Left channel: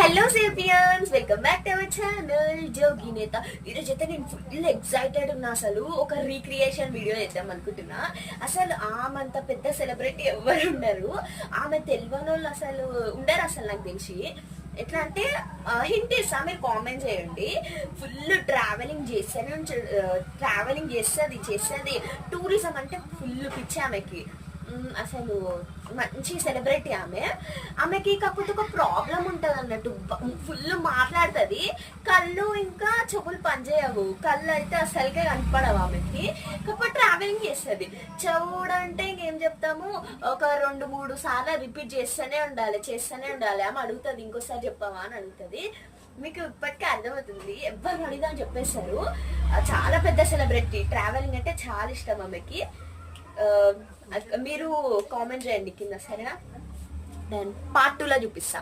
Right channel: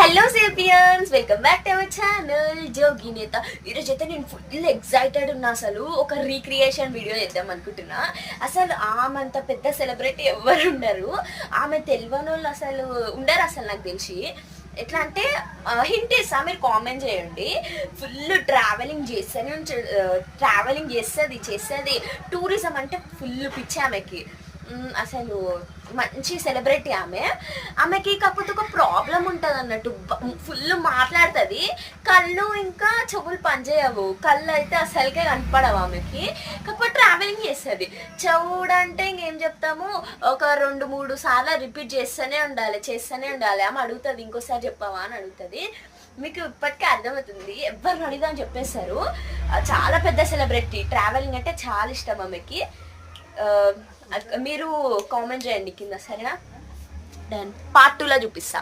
Hello sapiens, welcome back to our channel Jogi Netha. ఈరోజు అయితే నేను ఫుల్ ఎక్సైటెడ్ ఉన్నా. అసలు ఒక రీక్రియేషన్ వీడియో చేద్దాం అనుకుంటున్నా. అసలు ఆమెంత పెద్ద సెలబ్రిటీ ఎవరు ఉండరు, ఆమె తెలియని వాళ్ళు అసలు ఉండరు అసలు నాకు తెలిసి. ఎట్లా అంటే హింట్ ఇస్తా, మీరు కామెంట్ చేయండి. ఫుల్ ట్రావెలింగ్ చేస్తుంది. టూరిజం అంటే ఫుల్ పిచ్చి ఆమెకి. అసలు మంచి సెలబ్రిటీ ఆమెకి. కాకపోతే ఒక ప్రాబ్లం ఉంటుంది అన్నట్టు, ఫుల్ మాట్లాడుతుంది, కళ్ళు ఇంకా చెవులు పనిచేయవు. కళ్ళు అయితే అసలుకే కనపడవు ఆమెకి. కాకపోతే ట్రావెలింగ్ చేస్తుంది. చెవుడు అంటే ఇంకేం చెప్తాము, ఒక 2-3 సార్లు రిపీట్ చేస్తూనే ఉండాలి. ఆమె అడుగుతుంది, ఇంకోసారి చెప్పావా అని అడుగుతుంది. మీకు ఇప్పటికే అర్థమవుతుంది, ఎవరిని అడిగిదామని చెప్పేస్తారు. చాలా పెద్ద సెలబ్రిటీ, ట్రావెలింగ్ అంటే చాలా ఇష్టం ఆమెకి. మీరు కామెంట్ చేయండి కింద, సరేనా? డన్. పార్ట్ 2లో చూపిస్తా.